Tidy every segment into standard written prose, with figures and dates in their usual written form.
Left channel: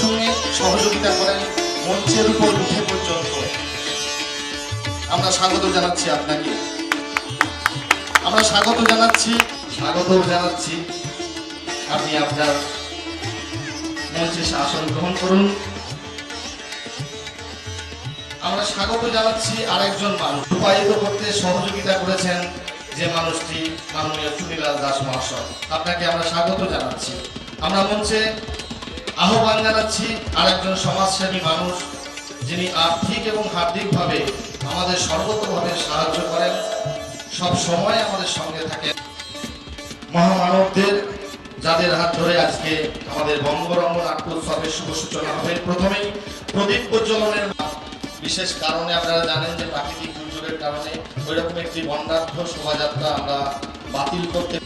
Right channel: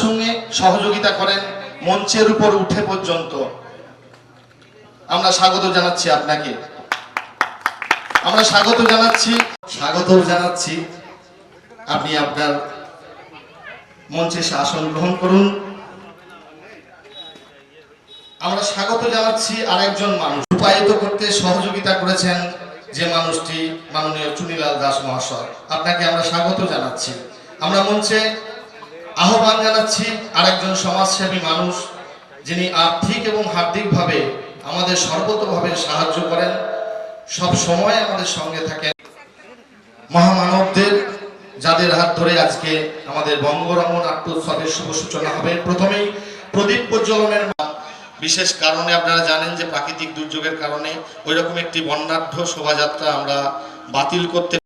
সঙ্গে সহযোগিতা করেন মঞ্চের উপর উঠে পর্যন্ত। আমরা স্বাগত জানাচ্ছি আপনাকে, আমরা স্বাগত জানাচ্ছি। আপনি আপনার মঞ্চে আসন গ্রহণ করুন। আমরা স্বাগত জানাচ্ছি আরেকজন মানুষ, রূপায়িত করতে সহযোগিতা করেছেন যে মানুষটি, মাননীয় চুনিলাল দাস মহাশয়। আপনাকে আমরা স্বাগত জানাচ্ছি। আমরা মঞ্চে আহ্বান জানাচ্ছি আরেকজন সমাজসেবী মানুষ, যিনি আর্থিক এবং হার্দিকভাবে আমাদের সর্বতভাবে সাহায্য করেন, সব সময় আমাদের সঙ্গে থাকেন, মহামানবদের, যাদের হাত ধরে আজকে আমাদের বঙ্গরঙ্গ নাট্য উৎসবের শুভ সূচনা হবে। প্রথমেই প্রদীপ প্রজ্বলনের বিশেষ কারণে, আপনারা জানেন যে প্রাকৃতিক দুর্যোগের কারণে ওইরকম একটি বর্ণাঢ্য শোভাযাত্রা আমরা বাতিল করতে,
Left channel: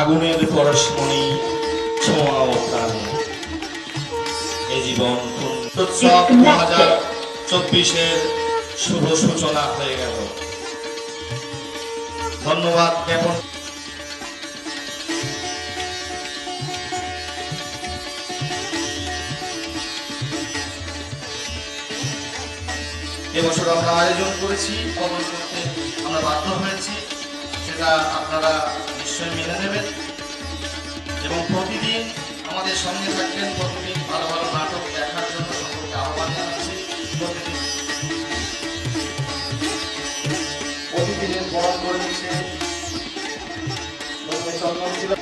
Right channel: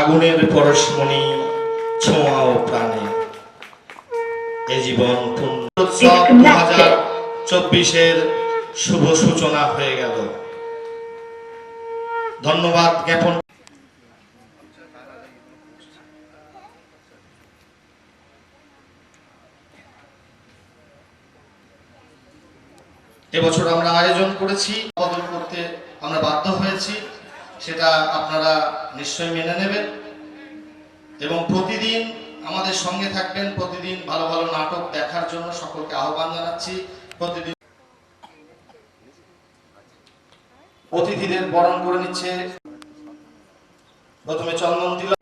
আগুনের পরশমণি ছোঁয়া ও প্রাণে এই জীবন উৎসব 2024-এর শুভ সূচনা হয়ে গেল। ধন্যবাদ জ্ঞাপন। এবছর আমরা আয়োজন করেছি, পালন করতে আমরা বাধ্য হয়েছি, সেটা আপনারা নিশ্চয়ই মেনে নেবেন এবং প্রতিদিন আমাদের সঙ্গে থাকবেন। প্রতিদিন ভালো ভালো নাটক দেখার জন্য সকলকে আহ্বান জানাচ্ছি। প্রতিদিন অতিথিদের বরণ করে নিচ্ছে প্রথমে চন্দন তিলক,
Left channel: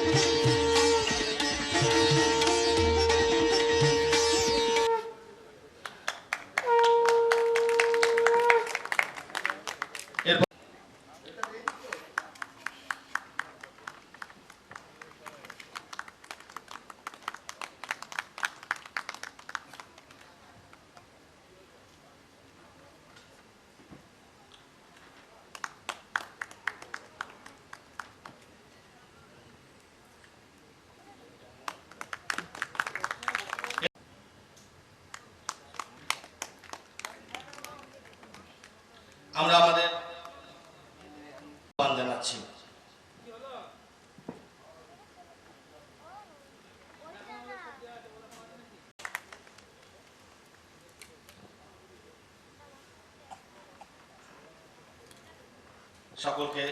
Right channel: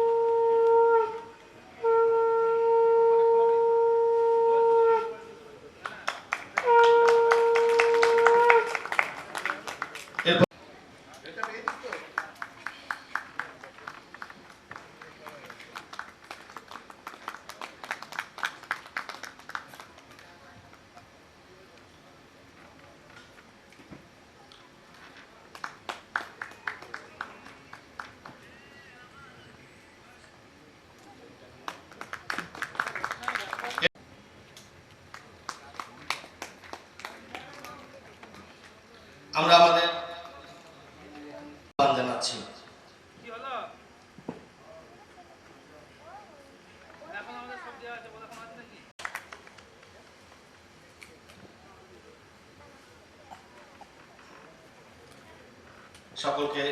আমরা আমাদের আহ্বান জানাচ্ছি। সকলকে